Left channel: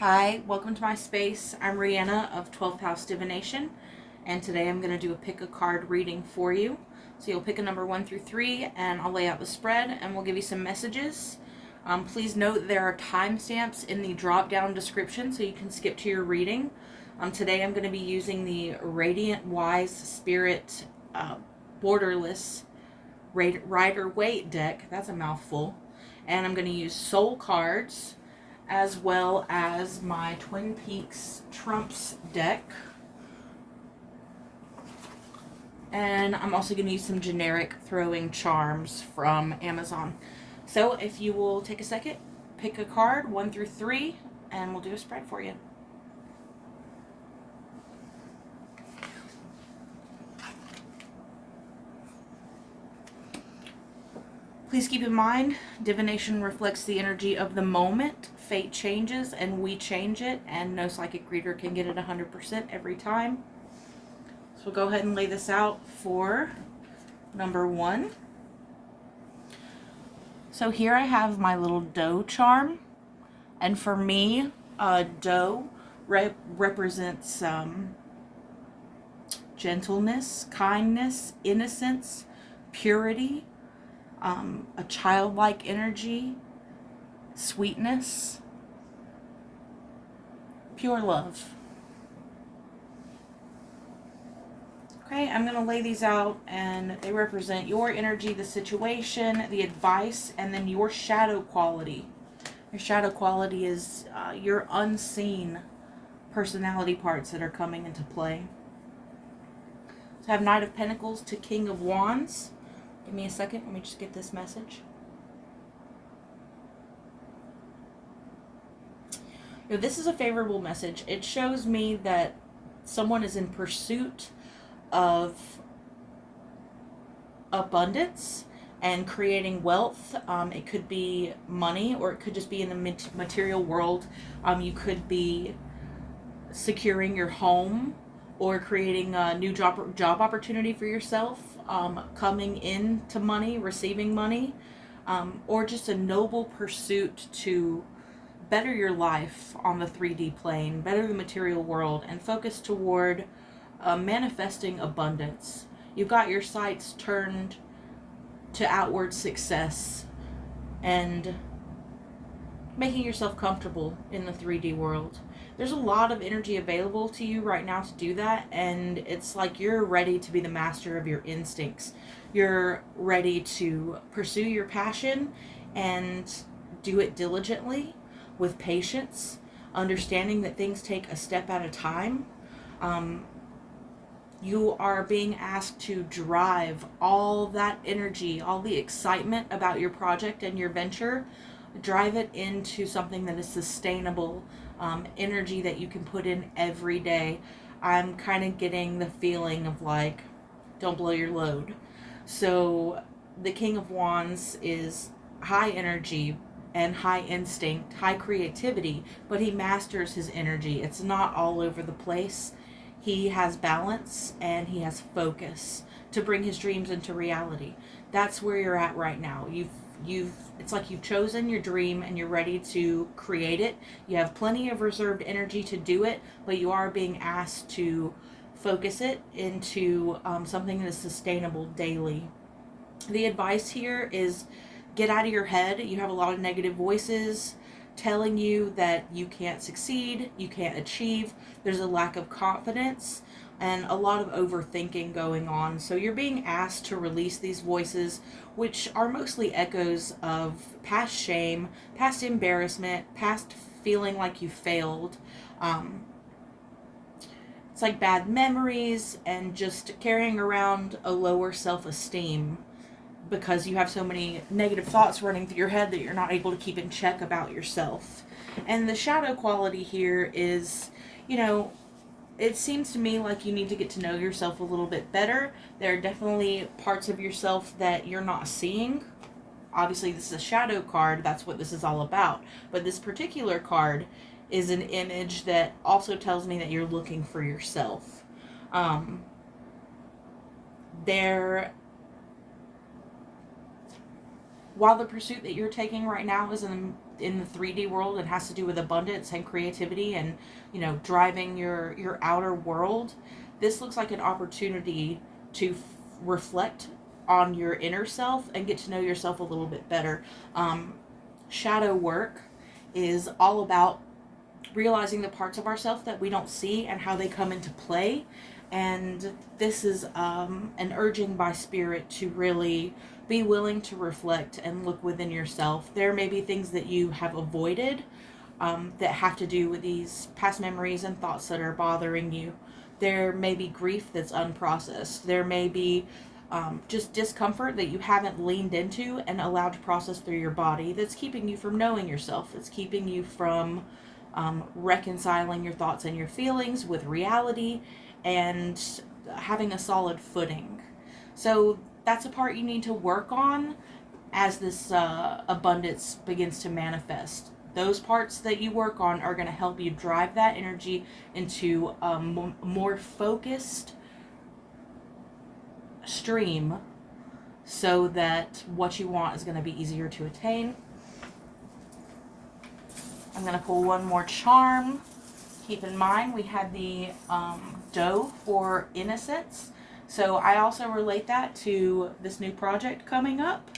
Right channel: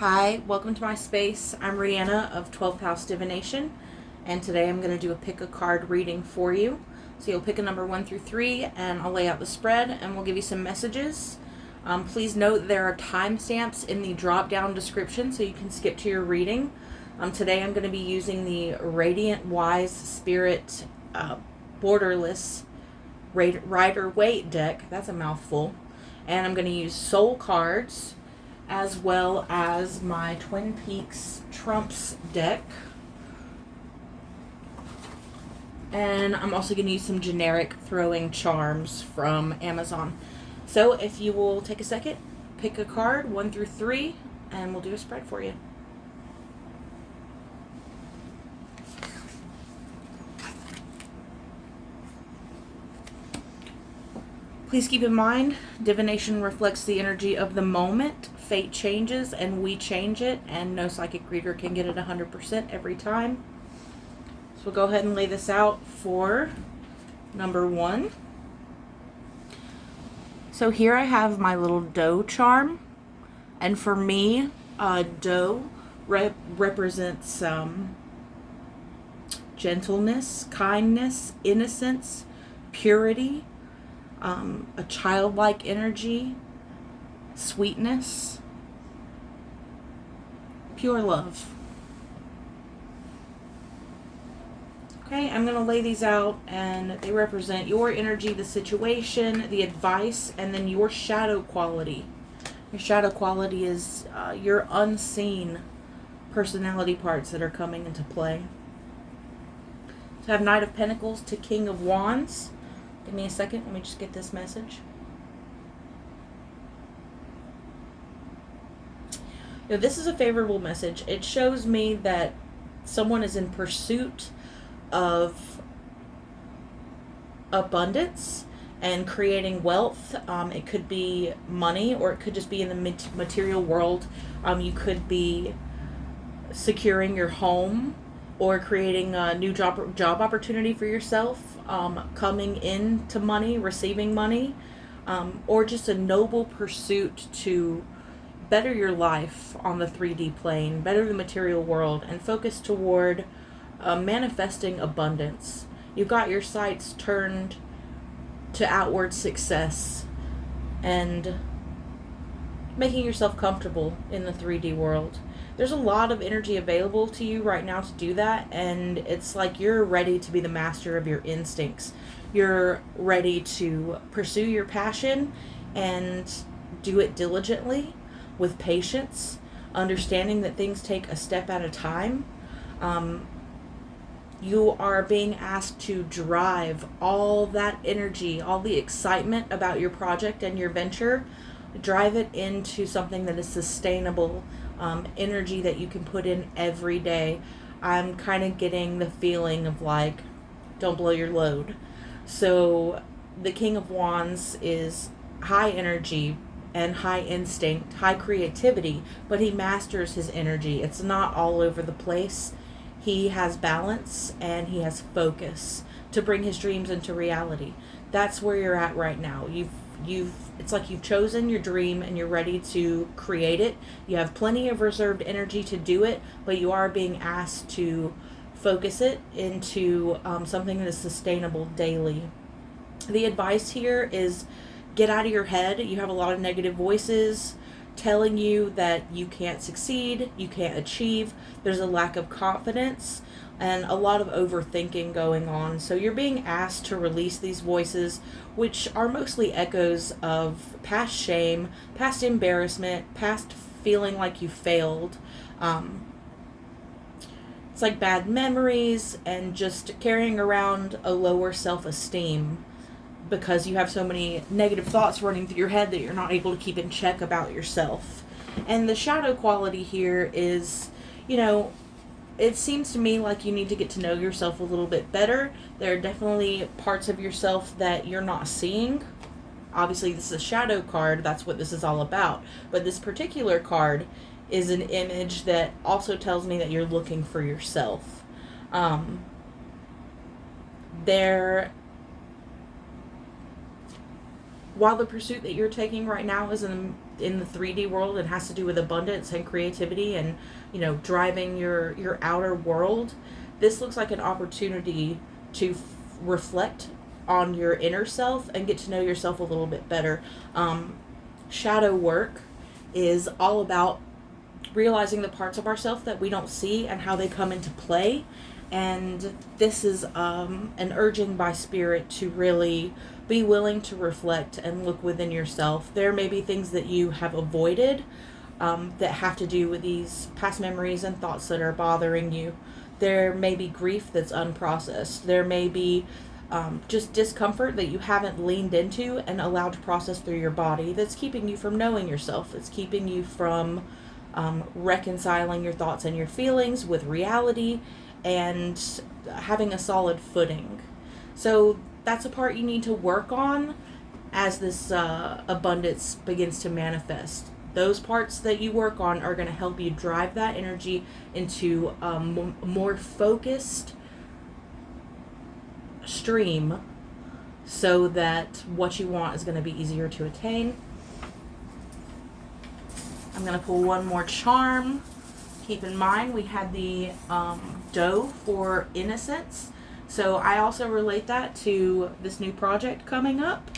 Hi, welcome to my space. I'm Rihanna of 12th House Divination, and today I'm going to do a pick a card reading for you. So you'll pick a number 1 through 3, and I'll lay out the spread, and we'll give you some messages. Please note there are timestamps in the drop-down description, so you can skip to your reading. Today I'm going to be using the Radiant Wise Spirit borderless Ryder Waite deck. That's a mouthful. And I'm going to use soul cards, as well as my Twin Peaks Trumps deck. And I'm also going to use some generic throwing charms from Amazon. So if you will take a second, pick a card, 1 through 3, and we'll do a spread for you. Please keep in mind, divination reflects the energy of the moment. Fate changes and we change it, and no psychic reader can get it 100% every time. So we'll go ahead and lay this out for number 1. So here I have my little doe charm, and for me, doe represents gentleness, kindness, innocence, purity, a childlike energy, sweetness, pure love. Okay, I'm going to lay these out, and they represent your energy, the situation, the advice, and then your shadow quality. Your shadow quality is your unseen personality parts that are coming into play. So I have Knight of Pentacles to King of Wands. Give me a second, let me just get this message. Now, this is a favorable message. It shows me that someone is in pursuit of abundance and creating wealth. It could be money, or it could just be in the material world. You could be securing your home, or creating a new job opportunity for yourself, coming into money, receiving money, or just a noble pursuit to better your life on the 3D plane, better the material world, and focus toward manifesting abundance. You've got your sights turned to outward success and making yourself comfortable in the 3D world. There's a lot of energy available to you right now to do that, and it's like you're ready to be the master of your instincts. You're ready to pursue your passion and do it diligently, with patience, understanding that things take a step at a time. You are being asked to drive all that energy, all the excitement about your project and your venture, drive it into something that is sustainable, energy that you can put in every day. I'm kind of getting the feeling of like, don't blow your load. So the King of Wands is high energy and high instinct, high creativity, but he masters his energy. It's not all over the place. He has balance and he has focus to bring his dreams into reality. That's where you're at right now. It's like you've chosen your dream and you're ready to create it. You have plenty of reserved energy to do it, but you are being asked to focus it into something that is sustainable daily. The advice here is get out of your head. You have a lot of negative voices telling you that you can't succeed, you can't achieve. There's a lack of confidence and a lot of overthinking going on. So you're being asked to release these voices, which are mostly echoes of past shame, past embarrassment, past feeling like you failed. It's like bad memories and just carrying around a lower self-esteem because you have so many negative thoughts running through your head that you're not able to keep in check about yourself. And the shadow quality here is, it seems to me like you need to get to know yourself a little bit better. There are definitely parts of yourself that you're not seeing. Obviously, this is a shadow card. That's what this is all about. But this particular card is an image that also tells me that you're looking for yourself. While the pursuit that you're taking right now is in the 3D world and has to do with abundance and creativity and, you know, driving your outer world, this looks like an opportunity to reflect on your inner self and get to know yourself a little bit better. Shadow work is all about realizing the parts of ourselves that we don't see and how they come into play. And this is an urging by Spirit to really be willing to reflect and look within yourself. There may be things that you have avoided that have to do with these past memories and thoughts that are bothering you. There may be grief that's unprocessed. There may be just discomfort that you haven't leaned into and allowed to process through your body that's keeping you from knowing yourself. It's keeping you from reconciling your thoughts and your feelings with reality and having a solid footing. So that's a part you need to work on as this abundance begins to manifest. Those parts that you work on are going to help you drive that energy into a more focused stream so that what you want is going to be easier to attain. I'm going to pull one more charm. Keep in mind we had the doe for innocence. So I also relate that to this new project coming up.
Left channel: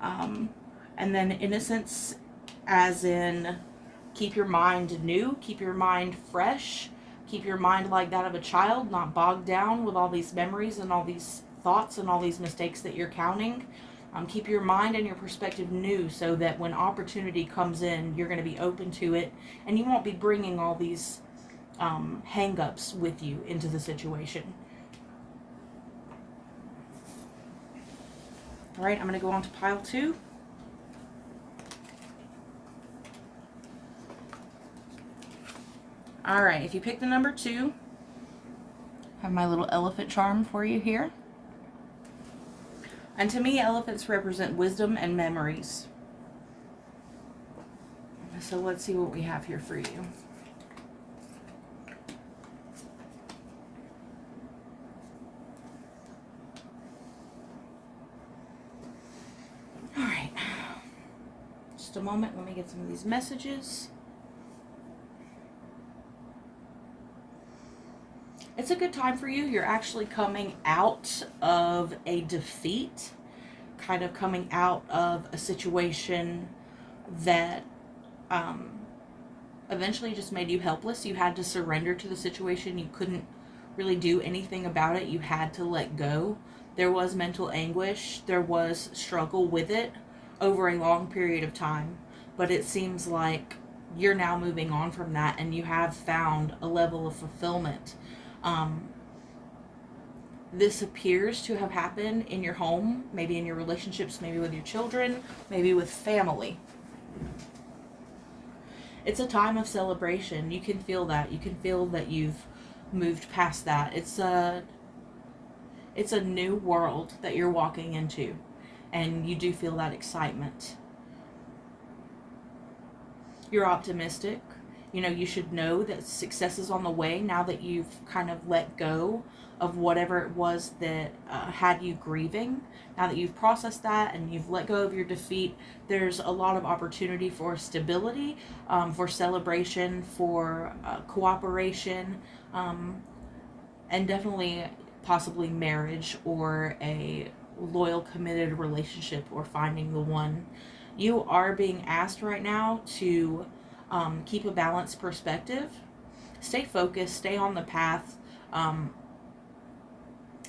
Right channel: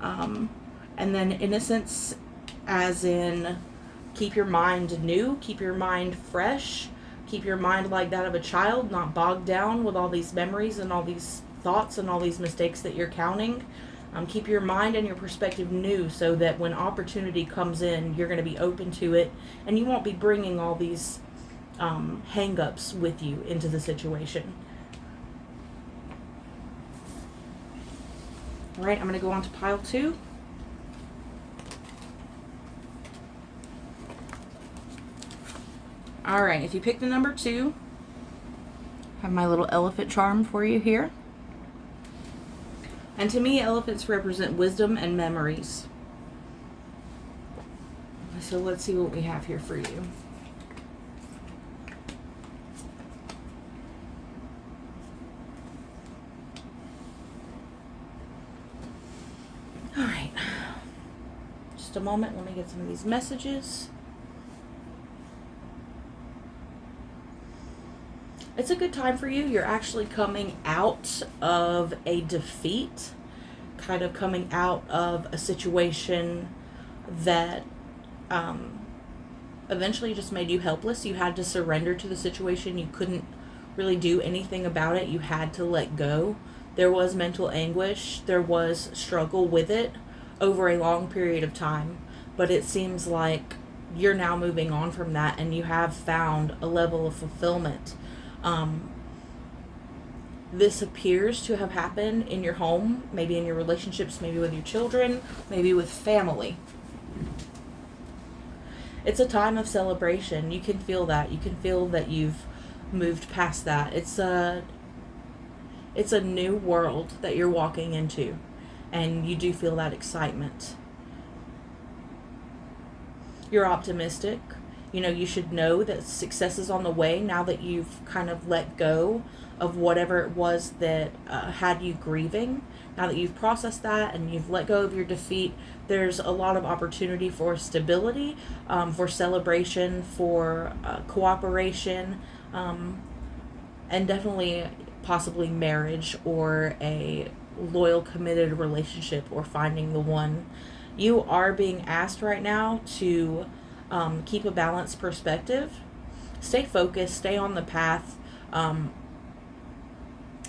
And then innocence as in keep your mind new, keep your mind fresh, keep your mind like that of a child, not bogged down with all these memories and all these thoughts and all these mistakes that you're counting. Keep your mind and your perspective new so that when opportunity comes in, you're going to be open to it and you won't be bringing all these hang-ups with you into the situation. All right, I'm going to go on to pile 2. All right, if you pick the number 2, I have my little elephant charm for you here. And to me, elephants represent wisdom and memories. So let's see what we have here for you. All right. Just a moment. Let me get some of these messages. It's a good time for you. You're actually coming out of a defeat, kind of coming out of a situation that eventually just made you helpless. You had to surrender to the situation. You couldn't really do anything about it. You had to let go. There was mental anguish. There was struggle with it over a long period of time. But it seems like you're now moving on from that and you have found a level of fulfillment. This appears to have happened in your home, maybe in your relationships, maybe with your children, maybe with family. It's a time of celebration. You can feel that. You can feel that you've moved past that. It's a new world that you're walking into, and you do feel that excitement. You're optimistic. You know, you should know that success is on the way now that you've kind of let go of whatever it was that had you grieving. Now that you've processed that and you've let go of your defeat, there's a lot of opportunity for stability, for celebration, for cooperation, and definitely possibly marriage or a loyal, committed relationship or finding the one. You are being asked right now to keep a balanced perspective. Stay focused. Stay on the path.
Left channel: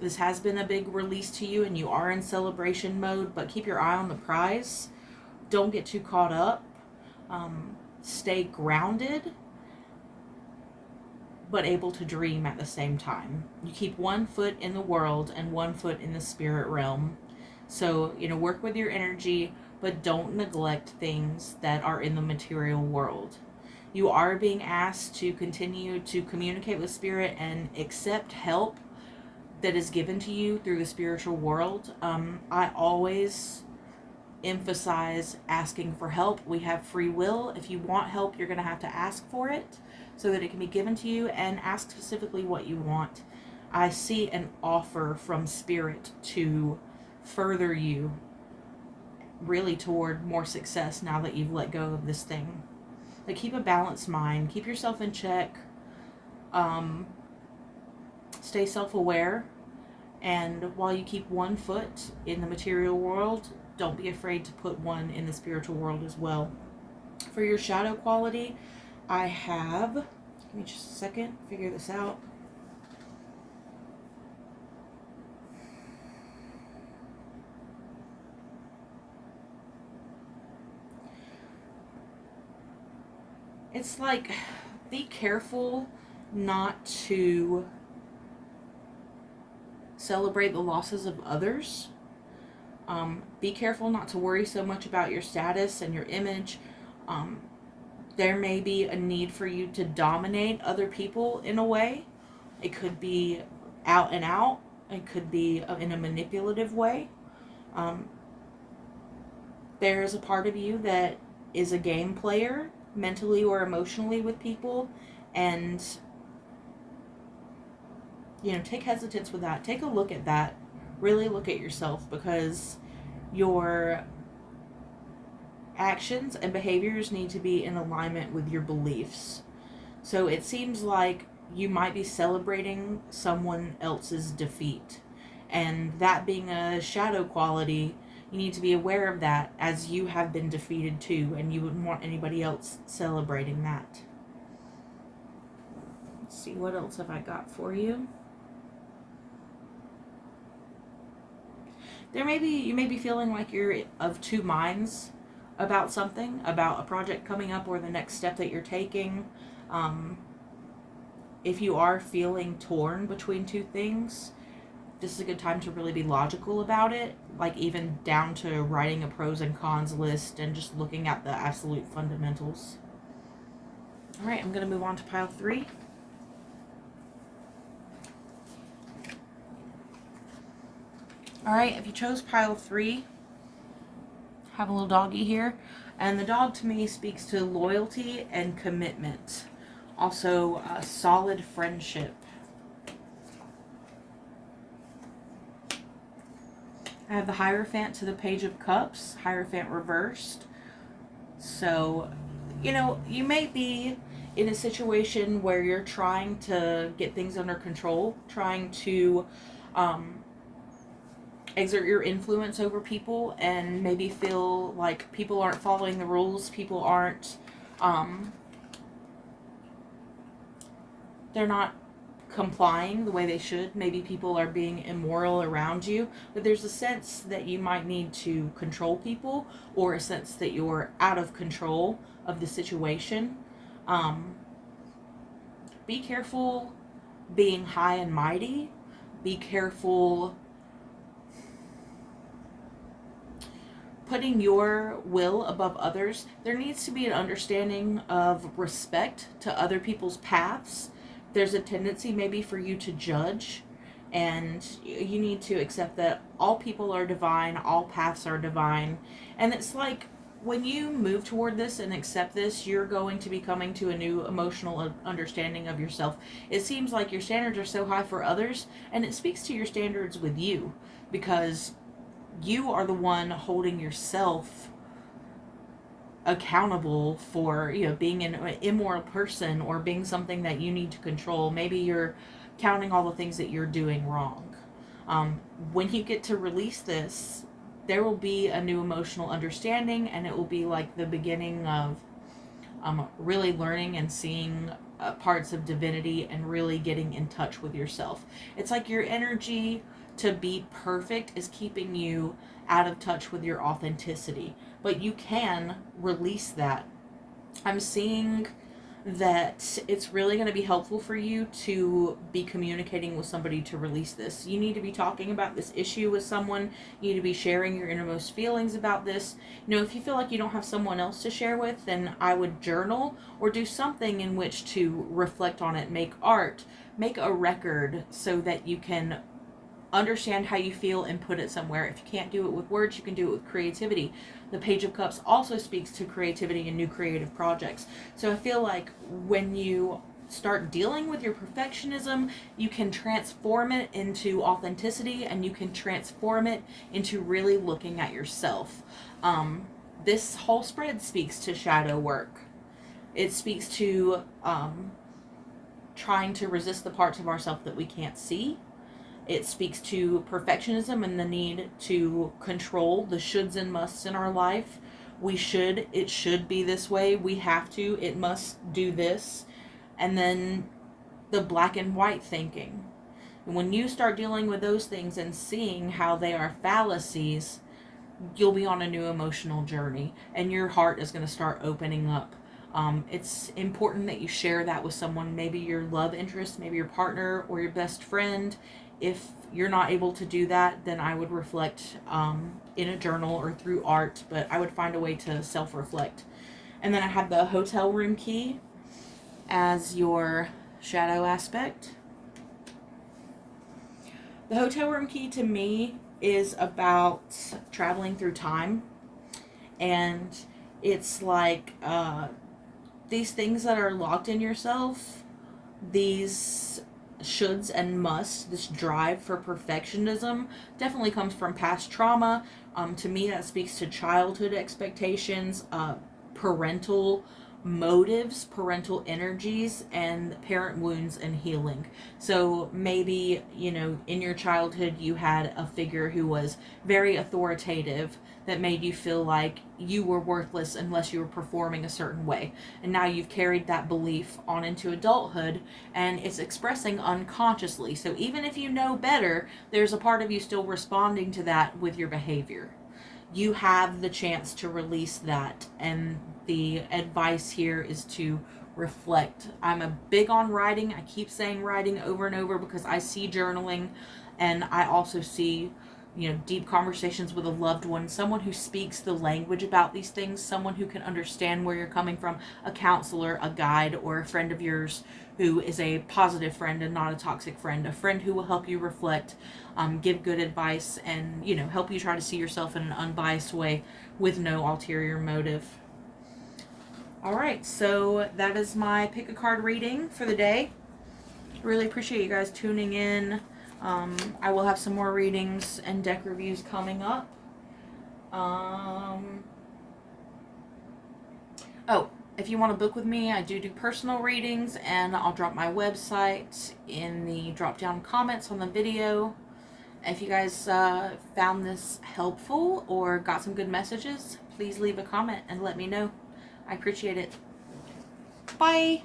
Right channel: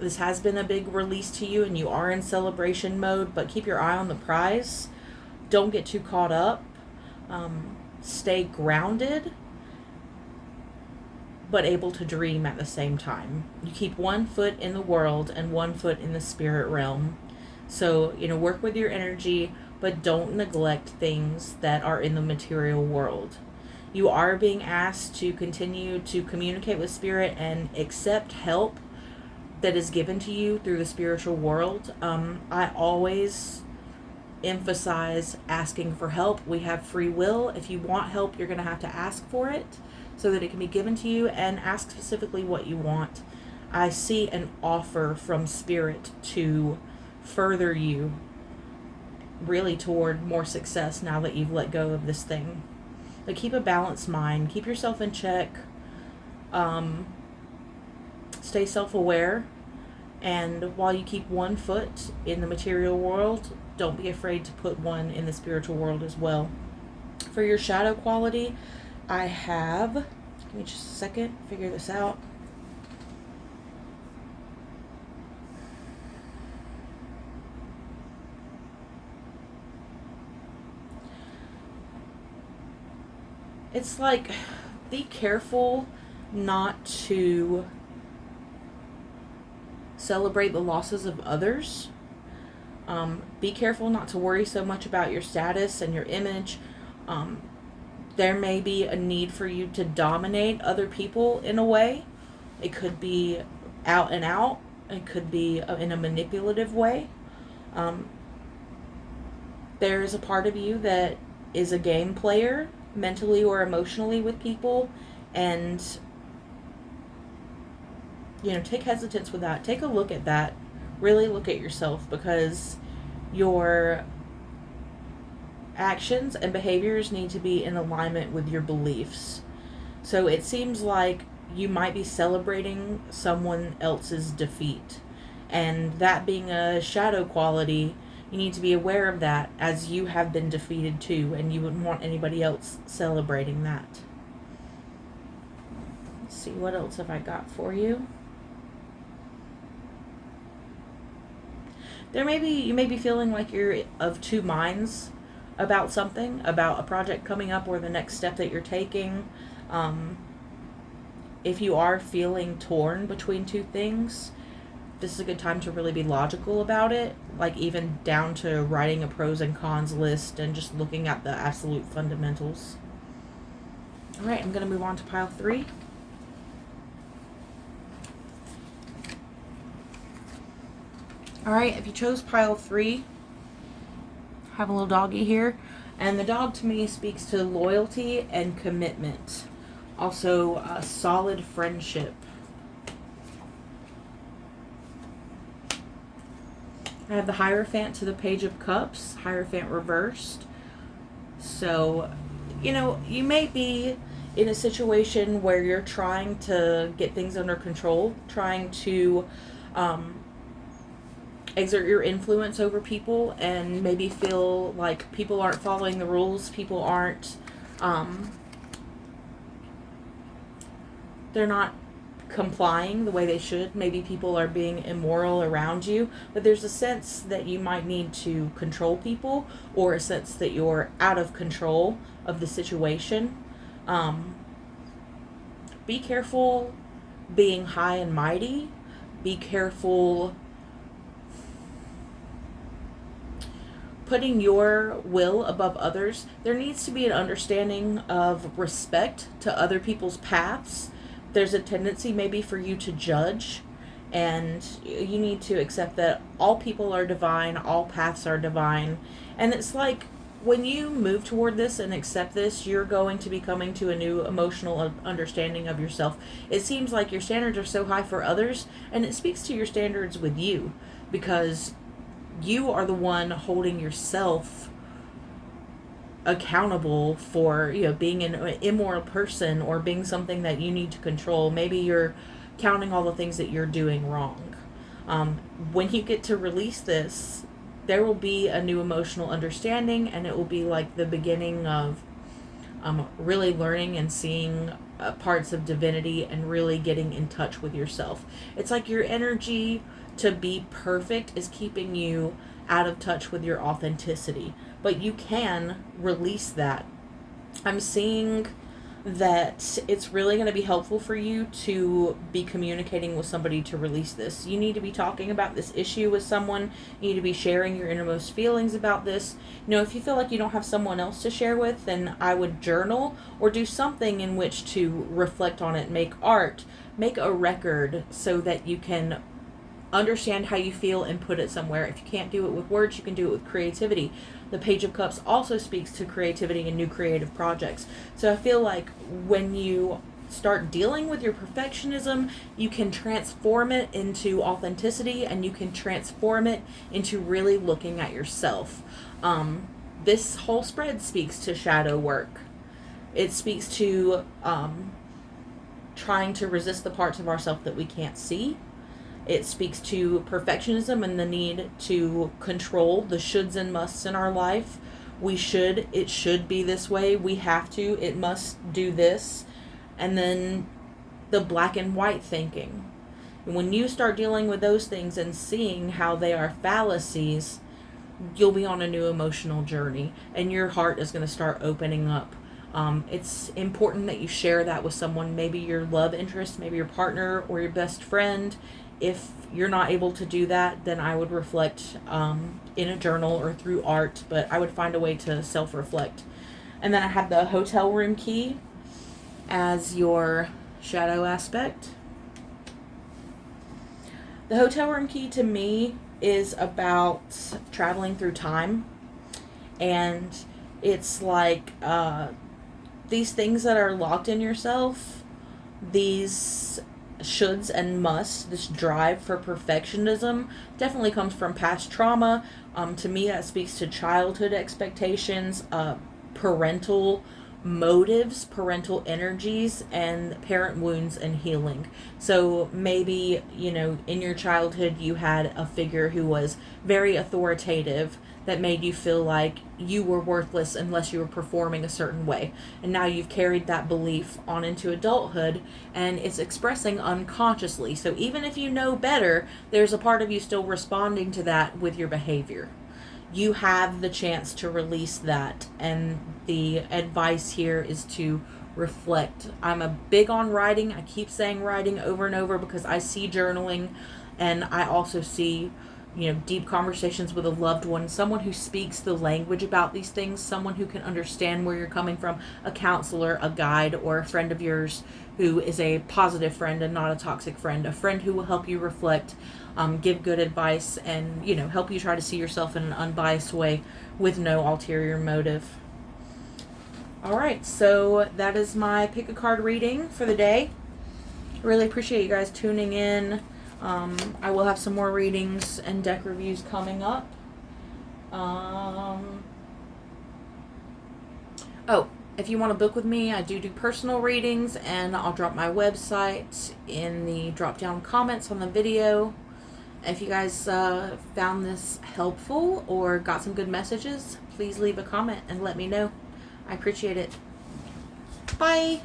This has been a big release to you and you are in celebration mode, but keep your eye on the prize. Don't get too caught up. Stay grounded, but able to dream at the same time. You keep one foot in the world and one foot in the spirit realm. So, work with your energy, but don't neglect things that are in the material world. You are being asked to continue to communicate with spirit and accept help that is given to you through the spiritual world. I always emphasize asking for help. We have free will. If you want help, you're going to have to ask for it so that it can be given to you, and ask specifically what you want. I see an offer from spirit to further you really toward more success now that you've let go of this thing. But keep a balanced mind. Keep yourself in check. Stay self-aware. And while you keep one foot in the material world, don't be afraid to put one in the spiritual world as well. For your shadow quality, I have, give me just a second, figure this out. It's like, be careful not to celebrate the losses of others. Be careful not to worry so much about your status and your image. There may be a need for you to dominate other people in a way. It could be out and out. It could be in a manipulative way. There is a part of you that is a game player, mentally or emotionally, with people, and take hesitance with that. Take a look at that. Really look at yourself, because your actions and behaviors need to be in alignment with your beliefs. So it seems like you might be celebrating someone else's defeat, and that being a shadow quality, you need to be aware of that, as you have been defeated too, and you wouldn't want anybody else celebrating that. Let's see, what else have I got for you? You may be feeling like you're of two minds about something, about a project coming up or the next step that you're taking. If you are feeling torn between two things, this is a good time to really be logical about it, like even down to writing a pros and cons list and just looking at the absolute fundamentals. All right, I'm going to move on to pile 3. All right, if you chose pile 3, I have a little doggy here, and the dog to me speaks to loyalty and commitment. Also, a solid friendship. I have the Hierophant to the Page of Cups, Hierophant reversed. So, you may be in a situation where you're trying to get things under control, trying to exert your influence over people, and maybe feel like people aren't following the rules, people aren't, they're not complying the way they should. Maybe people are being immoral around you, but there's a sense that you might need to control people, or a sense that you're out of control of the situation. Be careful being high and mighty. Be careful putting your will above others. There needs to be an understanding of respect to other people's paths. There's a tendency maybe for you to judge, and you need to accept that all people are divine, all paths are divine. And it's like, when you move toward this and accept this, you're going to be coming to a new emotional understanding of yourself. It seems like your standards are so high for others, and it speaks to your standards with you, because you are the one holding yourself accountable for being an immoral person, or being something that you need to control. Maybe you're counting all the things that you're doing wrong. When you get to release this, there will be a new emotional understanding, and it will be like the beginning of really learning and seeing parts of divinity, and really getting in touch with yourself. It's like your energy to be perfect is keeping you out of touch with your authenticity, but you can release that. I'm seeing that it's really going to be helpful for you to be communicating with somebody to release this. You need to be talking about this issue with someone. You need to be sharing your innermost feelings about this. If you feel like you don't have someone else to share with, then I would journal or do something in which to reflect on it. Make art, make a record, so that you can understand how you feel and put it somewhere. If you can't do it with words, you can do it with creativity. The Page of Cups also speaks to creativity and new creative projects. So I feel like when you start dealing with your perfectionism, you can transform it into authenticity, and you can transform it into really looking at yourself. This whole spread speaks to shadow work. It speaks to trying to resist the parts of ourselves that we can't see. It speaks to perfectionism and the need to control the shoulds and musts in our life. It should be this way. We have to, it must do this. And then the black and white thinking. And when you start dealing with those things and seeing how they are fallacies, you'll be on a new emotional journey, and your heart is going to start opening up. It's important that you share that with someone, maybe your love interest, maybe your partner or your best friend. If you're not able to do that, then I would reflect in a journal or through art, but I would find a way to self-reflect. And then I have the hotel room key as your shadow aspect. The hotel room key to me is about traveling through time, and it's like these things that are locked in yourself, these shoulds and musts, this drive for perfectionism definitely comes from past trauma. To me, that speaks to childhood expectations, parental motives, parental energies, and parent wounds and healing. So maybe, in your childhood you had a figure who was very authoritative that made you feel like you were worthless unless you were performing a certain way. And now you've carried that belief on into adulthood, and it's expressing unconsciously. So even if you know better, there's a part of you still responding to that with your behavior. You have the chance to release that, and the advice here is to reflect. I'm a big on writing. I keep saying writing over and over because I see journaling, and I also see deep conversations with a loved one, someone who speaks the language about these things, someone who can understand where you're coming from, a counselor, a guide, or a friend of yours who is a positive friend and not a toxic friend, a friend who will help you reflect, give good advice, and help you try to see yourself in an unbiased way with no ulterior motive. Alright, so that is my pick a card reading for the day. Really appreciate you guys tuning in. I will have some more readings and deck reviews coming up. If you want to book with me, I do personal readings, and I'll drop my website in the drop down comments on the video. If you guys found this helpful or got some good messages, please leave a comment and let me know. I appreciate it. Bye!